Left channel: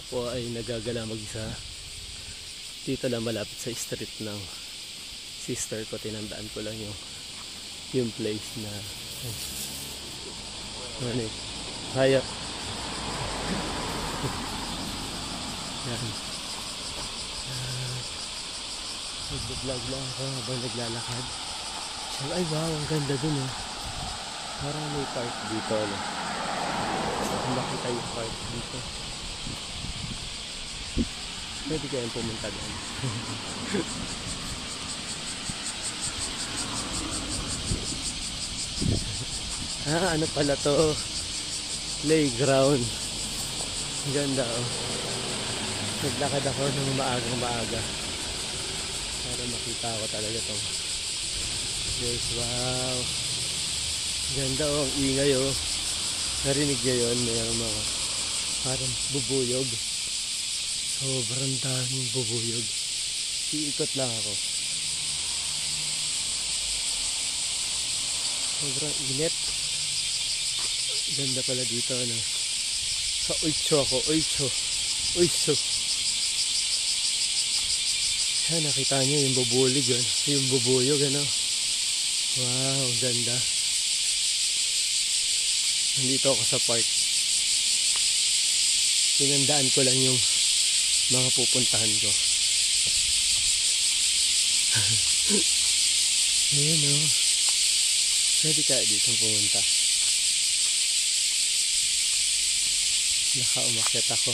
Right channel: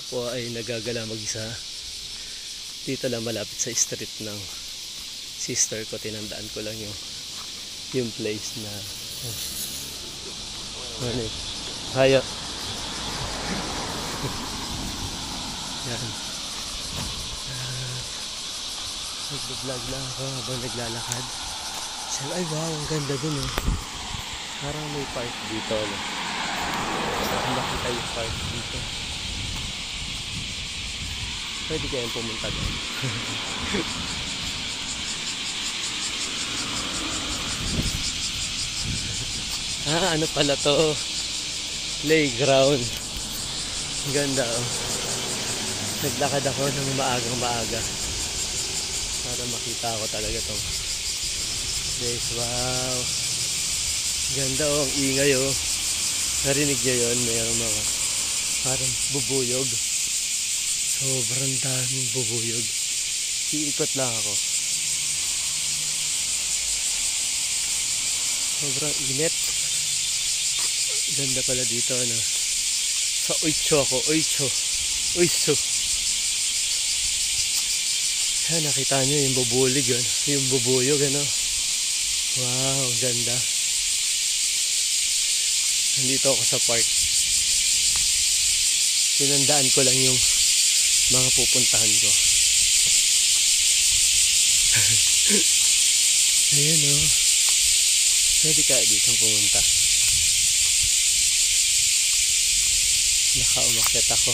Ako po ay nagagala mag-isa. Dito lang malapit sa street ng sister ko. Tinandaan ko lang yung place na ano eh. Haya. Yan. Nag-vlog lang ako habang naglalakad. Sabi, ay wow, ang ganda dun eh. Parang may park dito. No? Kung nakita yung park dito. Pwede kayong pumunta doon. Ano pala to? Playground. Ang ganda oh. Naglakad ako ng maagang-maaga para makita ko talaga tong place. Wow. Ganda oh, ang ingay oh. Narinig niyo yun? Mayroong mga parang bubuyog. Sobrang daming bubuyog. Iikot lang ako. Sobrang init. Ganda pala dito ano. Sa Oicho ako. Oicho. Yan, nakita nyo yung bubulig yun. Yung bubuyog ano. Wow, ganda. Nandito ako sa park. Tinandaan ko lang yung mga pupuntahan ko. Ayan o. Pwede kaya dito pumunta. Nakaumakyat ako.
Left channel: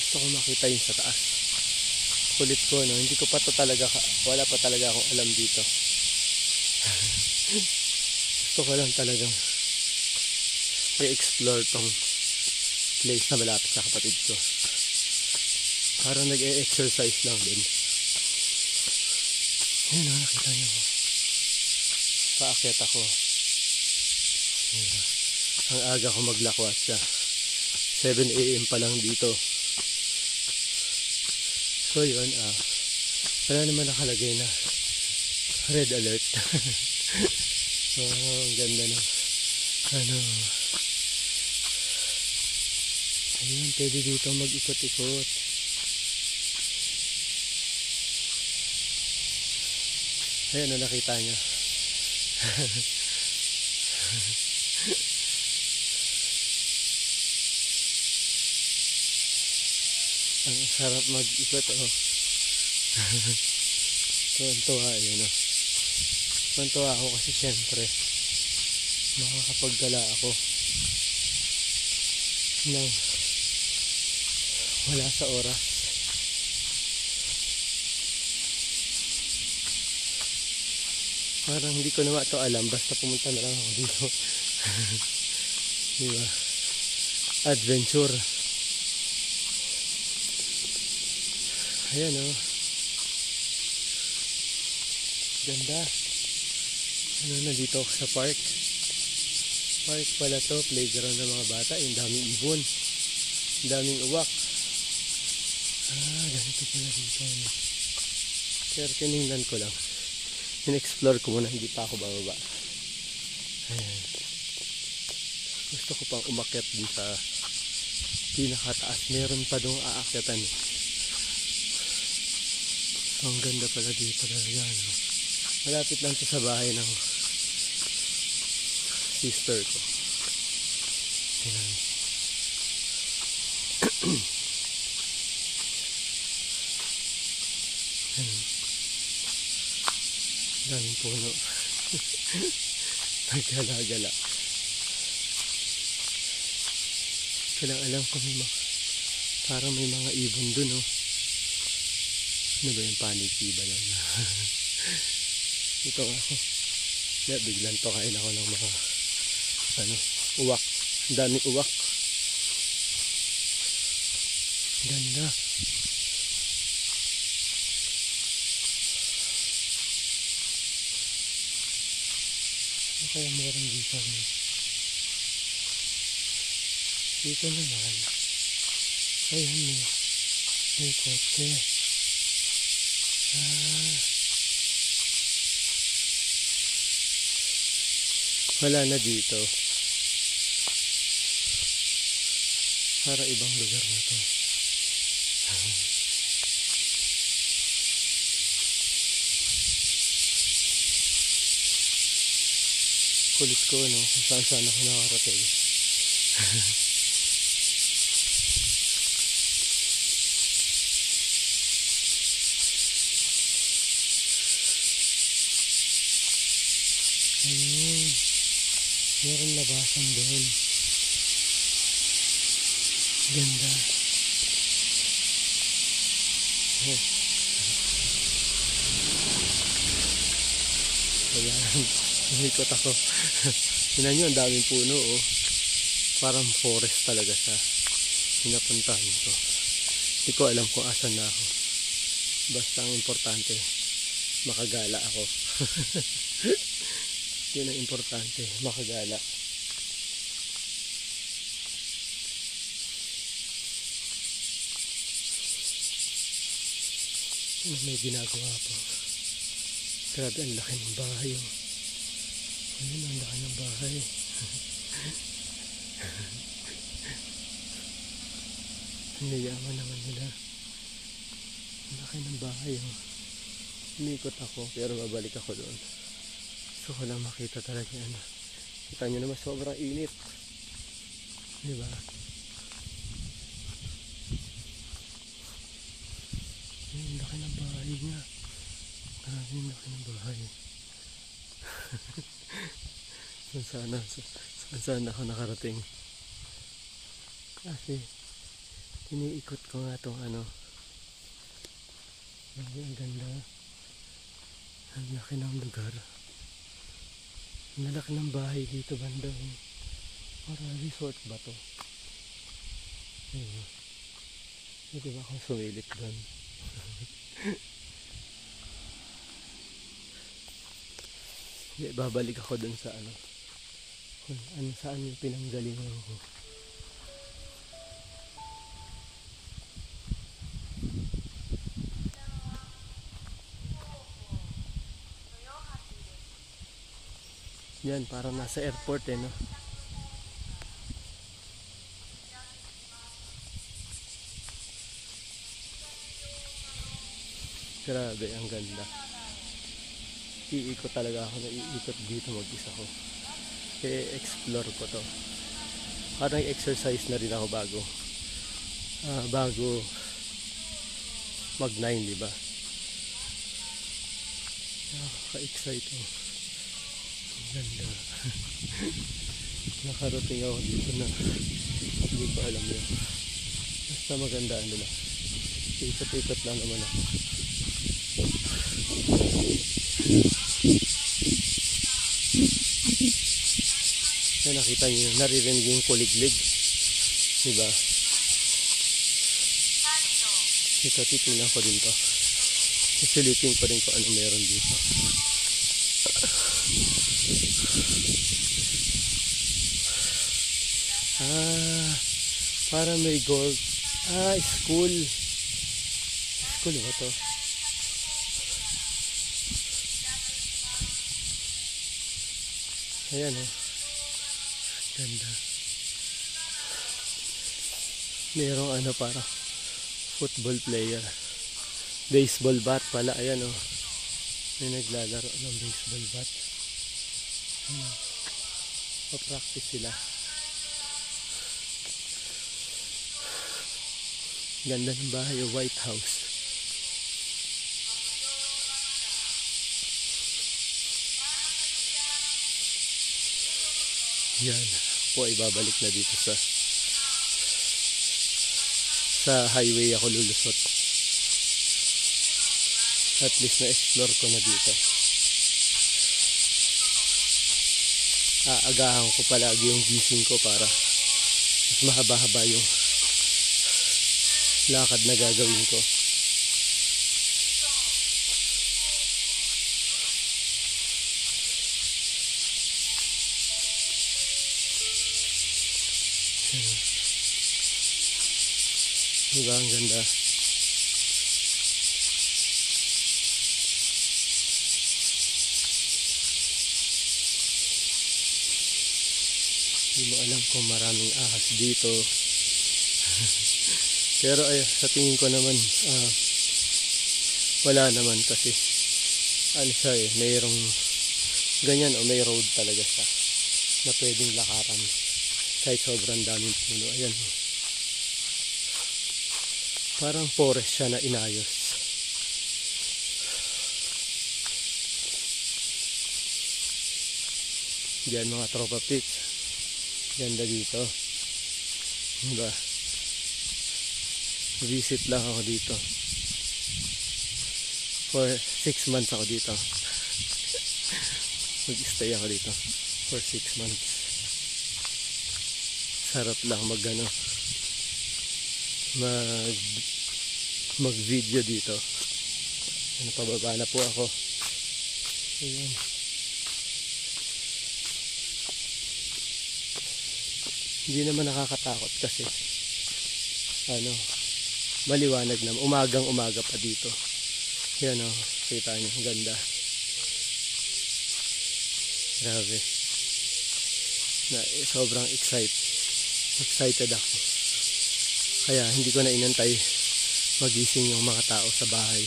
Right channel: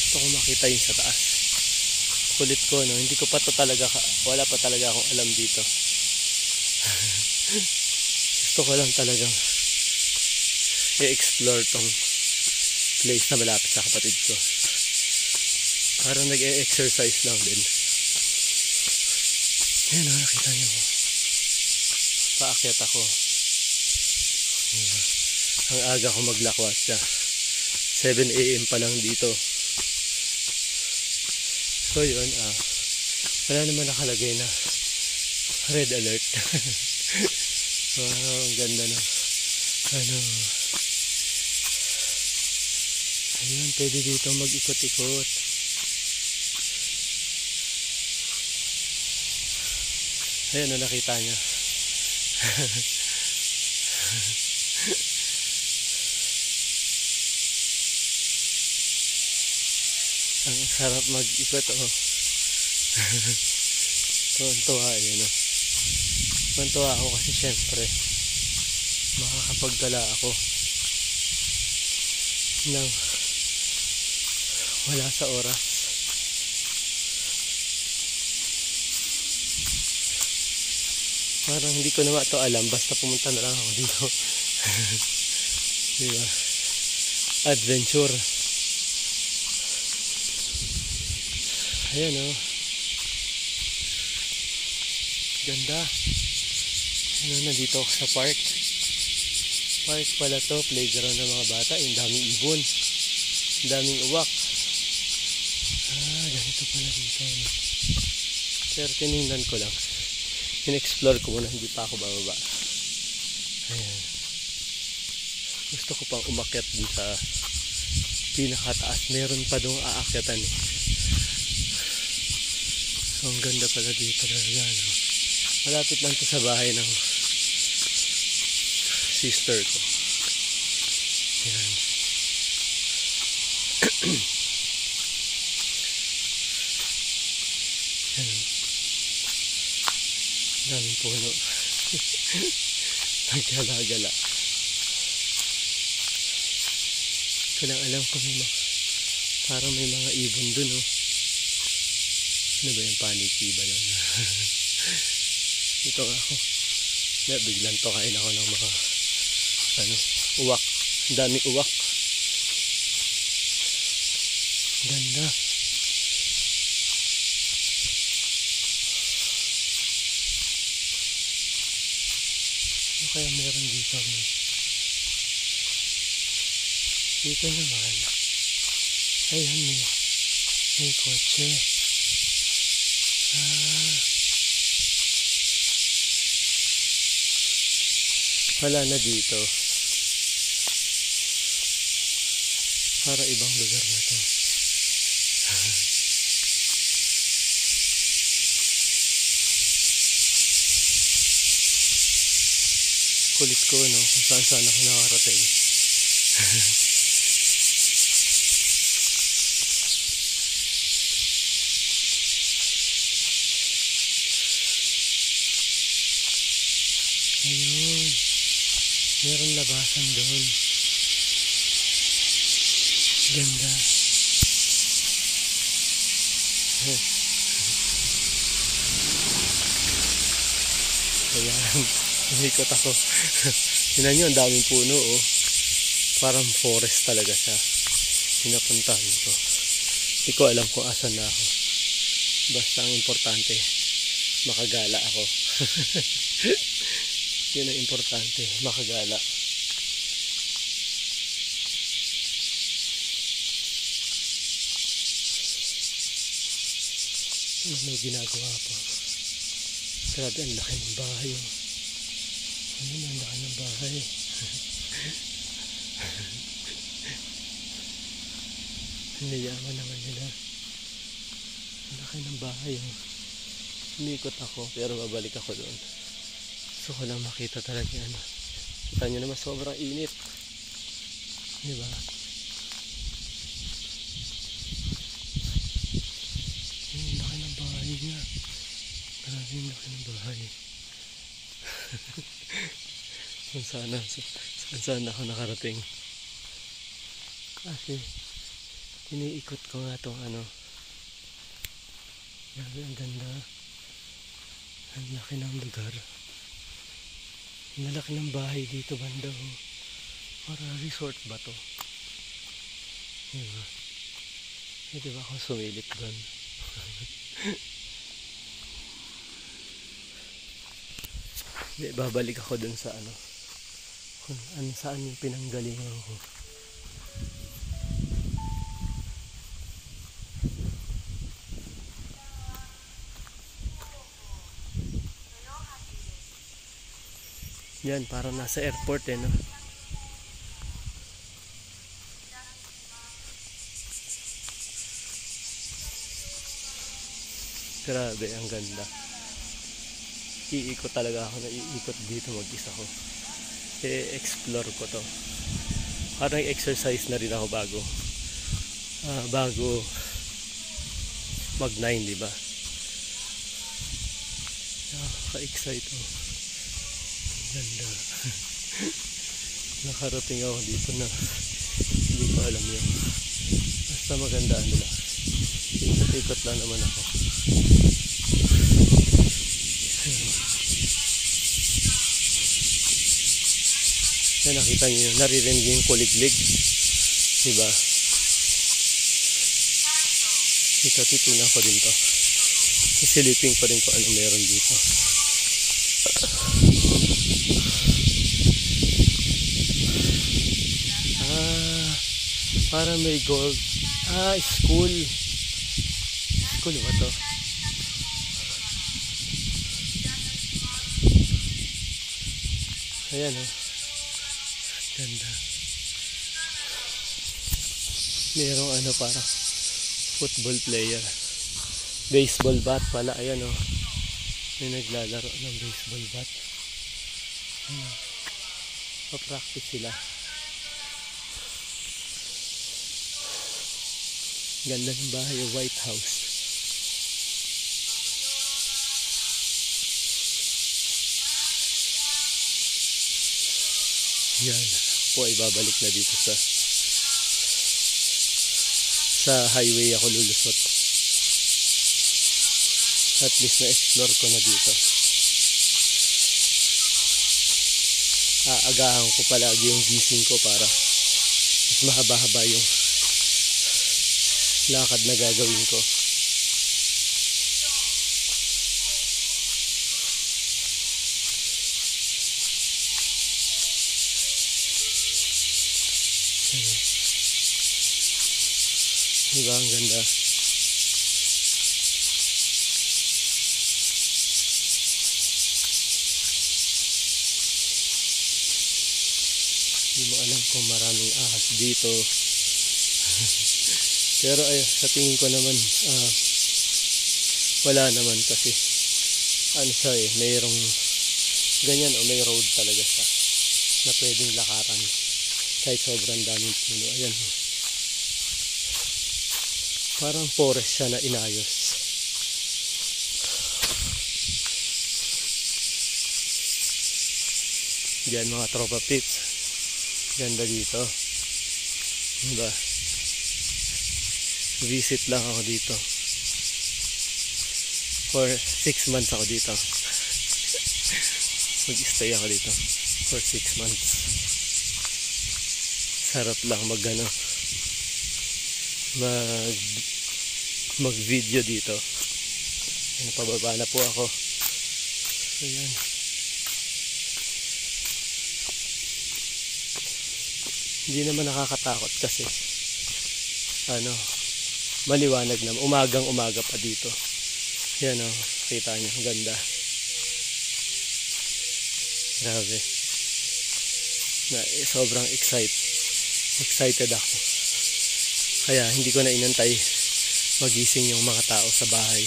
Gusto ko makita yung sa taas. Kulit ko no. Hindi ko pa to talaga, wala pa talaga akong alam dito. Gusto ko lang talagang i-explore tong place na malapit sa kapatid ko. Parang nag-e-exercise lang din. Ayan o, nakita nyo ko. Paakyat ako. Ang aga ko maglakwat siya. 7 AM pa lang dito. So yun, wala naman nakalagay na red alert. Wow, ang ganda na. Ayun, pwede dito mag-ikot-ikot. Ayan, nakita niya. Ang sarap mag-ikot, oh. Tuwan-tuwa, yun, oh. Tuwan-tuwa ako kasi syempre makakapagdala ako ng wala sa oras. Parang hindi ko naman ito alam, basta pumunta na lang ako dito. Diba? Adventure. Ayan o. Ganda. Ano, nandito ako sa park. Park pala to, playground ng mga bata. Yung daming ibon. Yung daming uwak. Ganito pala dito. Pero tinignan ko lang. In-explore ko muna, hindi pa ako bababa. Ayan. Gusto ko pang umakyat din sa pinakataas. Meron pa doon aakyatan eh. Ang ganda pala dito talaga, no? Malapit lang to sa bahay ng sister ko. Ayan. Ayan. Daming puno. Nagala-gala. Ko lang alam kung parang may mga ibon dun, no? Ano ba yung paniki ba yun? Ito ako. Biglang tokain ako ng mga uwak. Ang daming uwak. Ganda. Ano kaya meron dito? Dito naman. Ayan, may kotse. Wala na dito. Para ibang lugar na to. Kulit ko, no? Kung saan saan ako nakarating. Ayun. Meron labasan doon. Ganda. Ayan. Umikot ako. Tingnan nyo, ang daming puno, oh. Parang forest talaga siya. Pinapuntahan ko. Hindi ko alam kung asan na ako. Basta ang importante, makagala ako. Yun ang importante, makagala. May ginagawa pa. Grabe, ang laki ng bahay, oh. Ayun, ang laki ng bahay. Ang yayaman naman nila. Ang laki ng bahay, oh. Umikot ako, pero babalik ako doon. Gusto ko lang makita talaga ano. Kita nyo naman, sobrang init. Diba? Ang laki ng bahay niya. Grabe, ang laki ng bahay. Saan ako nakarating. Kasi iniikot ko nga itong ano. Grabe, ang ganda. Ang laki ng lugar. Ang laki ng bahay dito banda, oh. Para resort ba to? Diba? Pwede ba akong sumilip doon? Hindi, babalik ako dun sa ano. Kung saan yung pinanggalingan ko. Yan, parang nasa airport, eh, no? Grabe, ang ganda. Iikot talaga ako, naiikot dito mag-isa ko. I-explore ko to. Parang exercise na rin ako bago mag-9, diba? Nakaka-excite, oh. Ganda. Nakarating ako dito na hindi ko alam yun. Basta maganda nila. Ikot-ikot lang naman ako. Yan, nakita nyo yun. Naririnig yung kuliglig. Diba? Ito, titingnan ko din to. Isilipin ko rin kung ano meron dito. Para may gold. School. School ba to? Ayan, oh. Ganda. Merong ano, para football player. Baseball bat pala. Ayan, oh. May naglalaro ng baseball bat. Pa-practice sila. Ganda ng bahay, White House. Yan po, ibabalik na dito sa highway ako lulusot. At least na-explore ko na dito. Aagahan ko palagi yung gising ko para mas mahaba-haba yung lakad na gagawin ko. Diba, ang ganda. Hindi mo alam kung maraming ahas dito. Pero ay, sa tingin ko naman, wala naman kasi ano siya eh, mayroong ganyan o may road talaga siya na pwedeng lakaran kahit sobrang daming puno. Ayan o. Parang forest siya na inayos. Diyan mga tropa pips. Ganda dito. Diba? Visit lang ako dito. For 6 months ako dito. Mag-stay ako dito for 6 months. Sarap lang mag-video dito. Pababa na po ako. Ayan. Hindi naman nakakatakot kasi maliwanag na, umagang-umaga pa dito. Yan o, kita nyo, ganda. Grabe. Sobrang excited ako. Kaya hindi ko na inantay magising yung mga tao sa bahay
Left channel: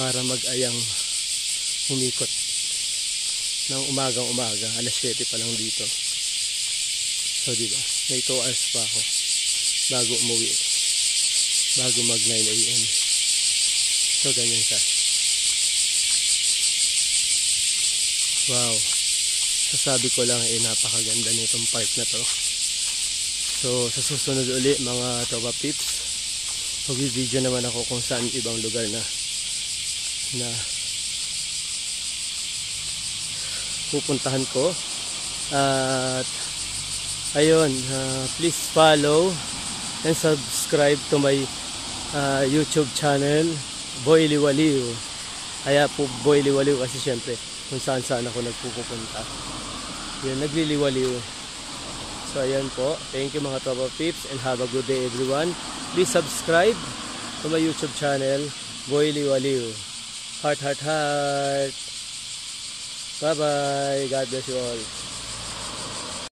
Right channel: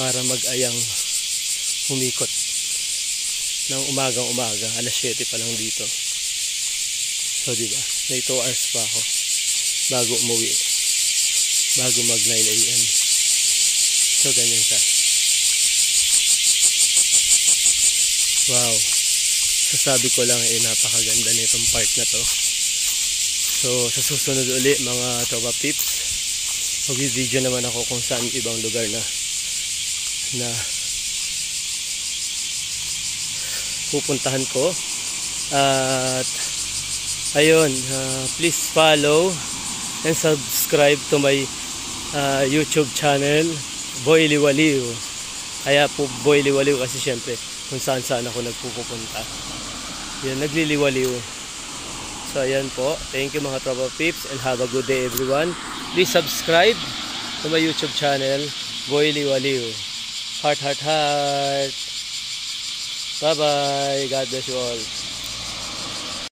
para mag-ayang umikot ng umagang-umaga. Alas 7 pa lang dito. So diba, may 2 hours pa ako bago umuwi, bago mag 9 AM. So ganyan siya. Wow, sasabi ko lang napakaganda nitong park na to. So sa susunod uli mga tropa pips, mag-video naman ako kung saan ibang lugar na pupuntahan ko. At ayun, please follow and subscribe to my YouTube channel, Boy Liwaliw. Kaya po Boy Liwaliw kasi syempre kung saan ako nagpupunta. Yan, nagliliwaliw. So ayan po, thank you mga tropa pips and have a good day everyone. Please subscribe to my YouTube channel, Boy Liwaliw. Heart, heart, heart. Bye bye, God bless you all.